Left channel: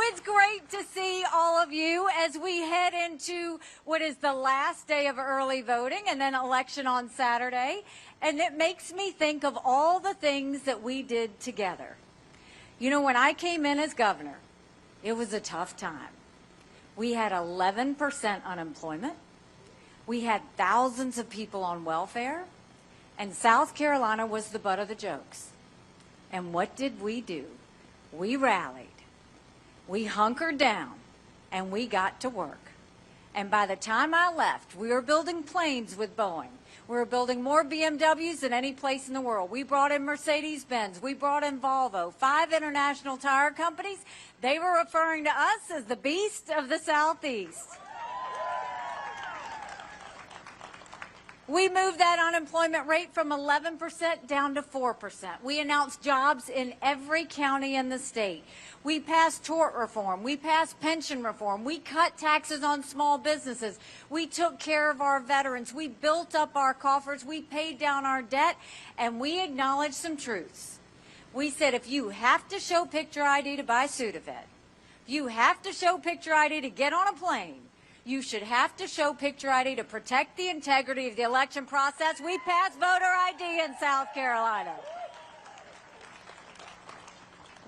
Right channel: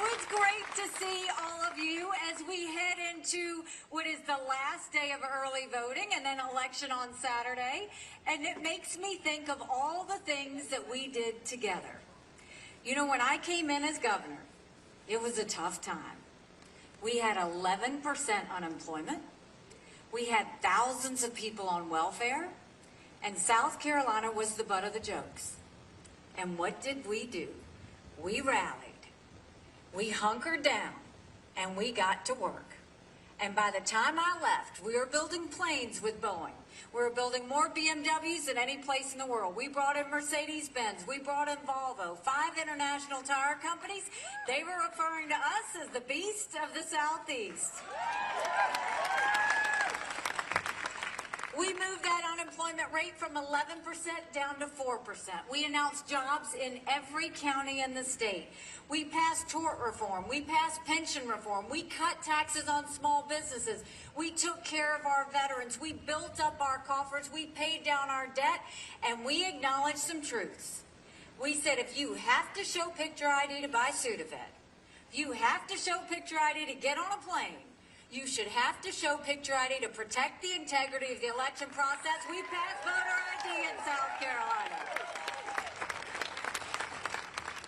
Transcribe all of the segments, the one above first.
it's great to see all of you as we head into what is the last day of early voting and then election on Saturday. And it makes me think of all the things that we did together. You know, when I came in as governor, it was a tough time. We had 11% unemployment. We had thousands of people on welfare. And South Carolina was the butt of the jokes. And what did we do? We rallied. We hunkered down, and we got to work. And by the time I left, we were building planes with Boeing. We were building more BMWs than any place in the world. We brought in Mercedes-Benz. We brought in Volvo. 5 international tire companies. They were referring to us as the beast of the Southeast. We moved that unemployment rate from 11% down to 4%. We announced jobs in every county in the state. We passed tort reform. We passed pension reform. We cut taxes on small businesses. We took care of our veterans. We built up our coffers. We paid down our debt, and we acknowledged some truths. We said if you have to show picture ID to buy Sudafed, you have to show picture ID to get on a plane, you should have to show picture ID to protect the integrity of the election process. We passed voter ID in South Carolina.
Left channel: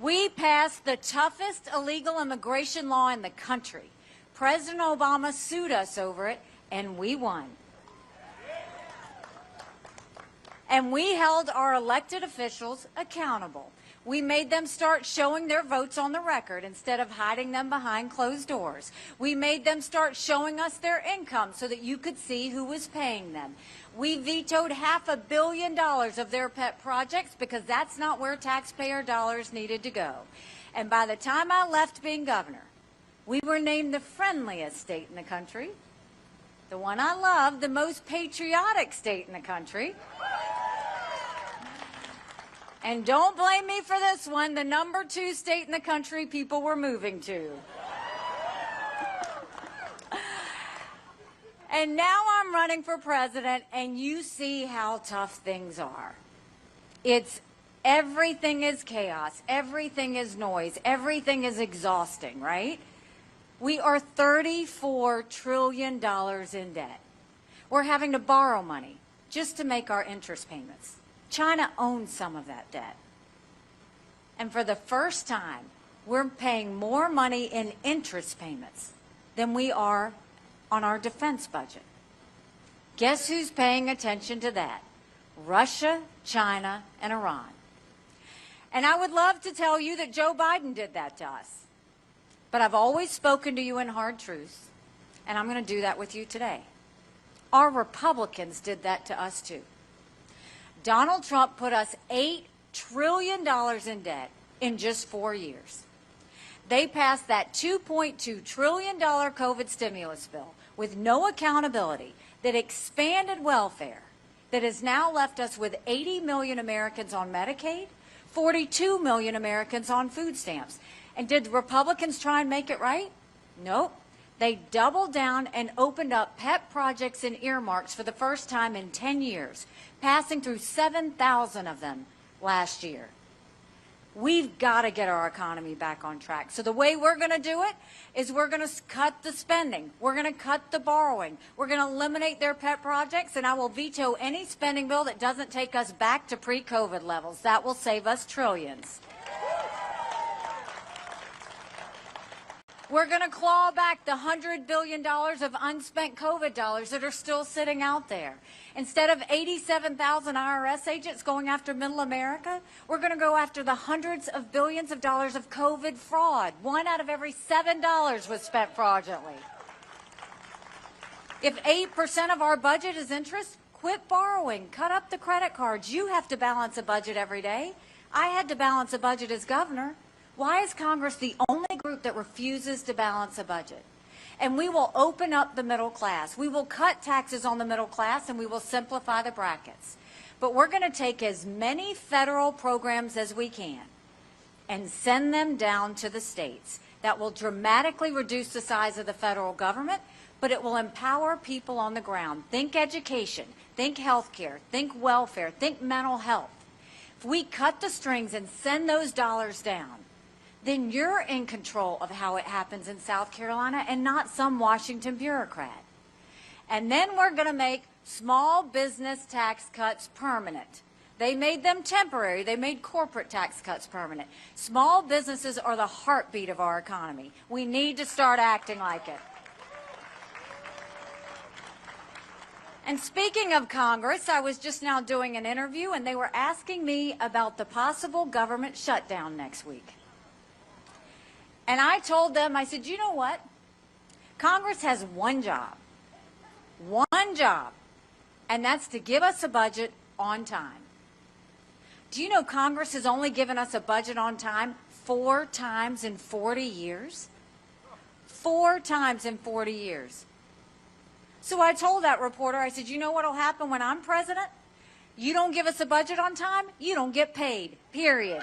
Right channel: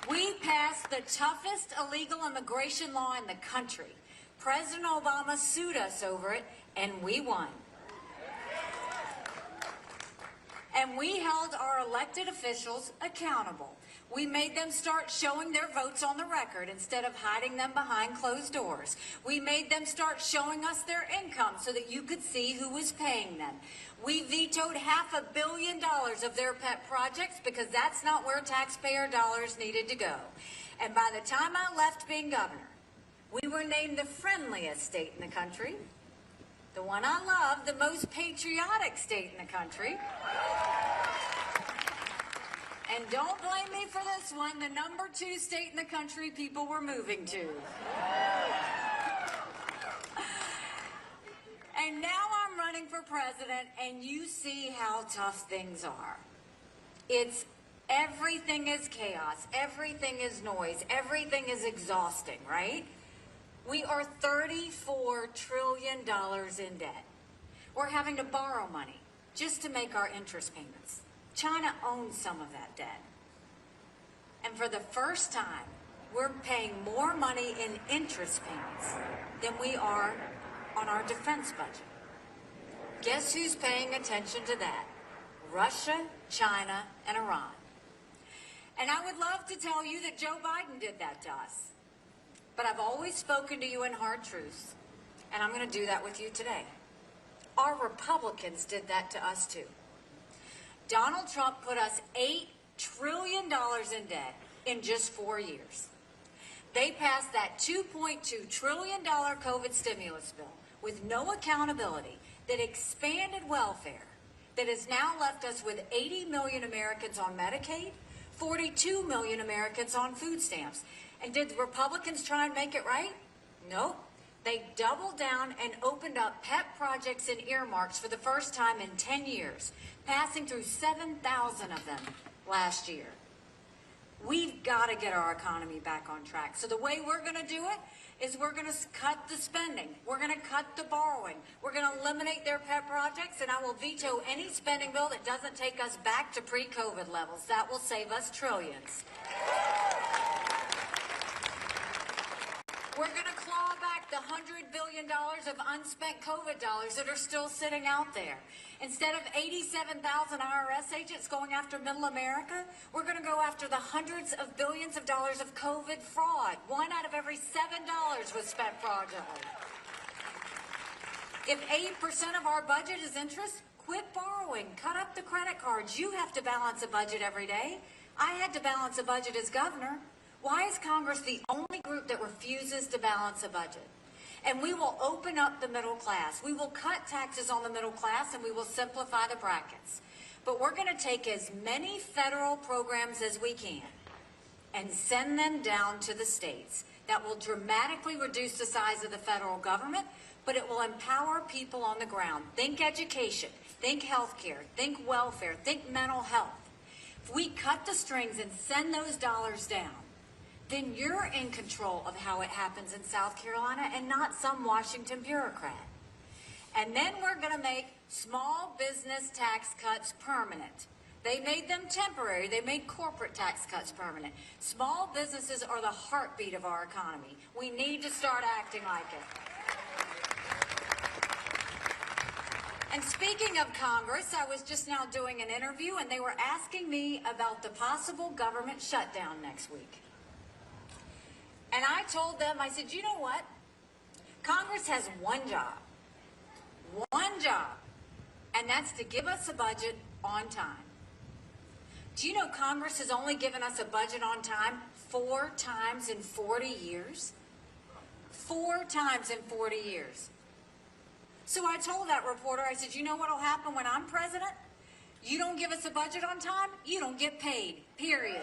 We passed the toughest illegal immigration law in the country. President Obama sued us over it, and we won. And we held our elected officials accountable. We made them start showing their votes on the record instead of hiding them behind closed doors. We made them start showing us their income so that you could see who was paying them. We vetoed $500 million of their pet projects because that's not where taxpayer dollars needed to go. And by the time I left being governor, we were named the friendliest state in the country, the one I love, the most patriotic state in the country. And don't blame me for this one, the #2 state in the country people were moving to. And now I'm running for president, and you see how tough things are. Everything is chaos, everything is noise, everything is exhausting, right? We are $34 trillion in debt. We're having to borrow money just to make our interest payments. China owns some of that debt. And for the first time, we're paying more money in interest payments than we are on our defense budget. Guess who's paying attention to that? Russia, China, and Iran. And I would love to tell you that Joe Biden did that to us. But I've always spoken to you in hard truths, and I'm going to do that with you today. Our Republicans did that to us too. Donald Trump put us $8 trillion in debt in just 4 years. They passed that $2.2 trillion COVID stimulus bill with no accountability that expanded welfare, that has now left us with 80 million Americans on Medicaid, 42 million Americans on food stamps. And did Republicans try and make it right? Nope. They doubled down and opened up pet projects and earmarks for the first time in 10 years. Passing through 7,000 of them last year. We've got to get our economy back on track. So the way we're going to do it is we're going to cut the spending. We're going to cut the borrowing. We're going to eliminate their pet projects, and I will veto any spending bill that doesn't take us back to pre-COVID levels. That will save us trillions. We're going to claw back the $100 billion of unspent COVID dollars that are still sitting out there. Instead of 87,000 IRS agents going after middle America, we're going to go after the hundreds of billions of dollars of COVID fraud. 1 out of every $7 was spent fraudulently. If 8% of our budget is interest, quit borrowing. Cut up the credit cards. You have to balance a budget every day. I had to balance a budget as governor. Why is Congress the only group that refuses to balance a budget? And we will open up the middle class. We will cut taxes on the middle class, and we will simplify the brackets. But we're going to take as many federal programs as we can and send them down to the states. That will dramatically reduce the size of the federal government, but it will empower people on the ground. Think education, think healthcare, think welfare, think mental health. If we cut the strings and send those dollars down, then you're in control of how it happens in South Carolina and not some Washington bureaucrat. And then we're going to make small business tax cuts permanent. They made them temporary. They made corporate tax cuts permanent. Small businesses are the heartbeat of our economy. We need to start acting like it. And speaking of Congress, I was just now doing an interview, and they were asking me about the possible government shutdown next week. And I told them, I said, you know what? Congress has one job, and that's to give us a budget on time. Do you know Congress has only given us a budget on time 4 times in 40 years? 4 times in 40 years. So I told that reporter, I said, you know what will happen when I'm president? You don't give us a budget on time, you don't get paid, period.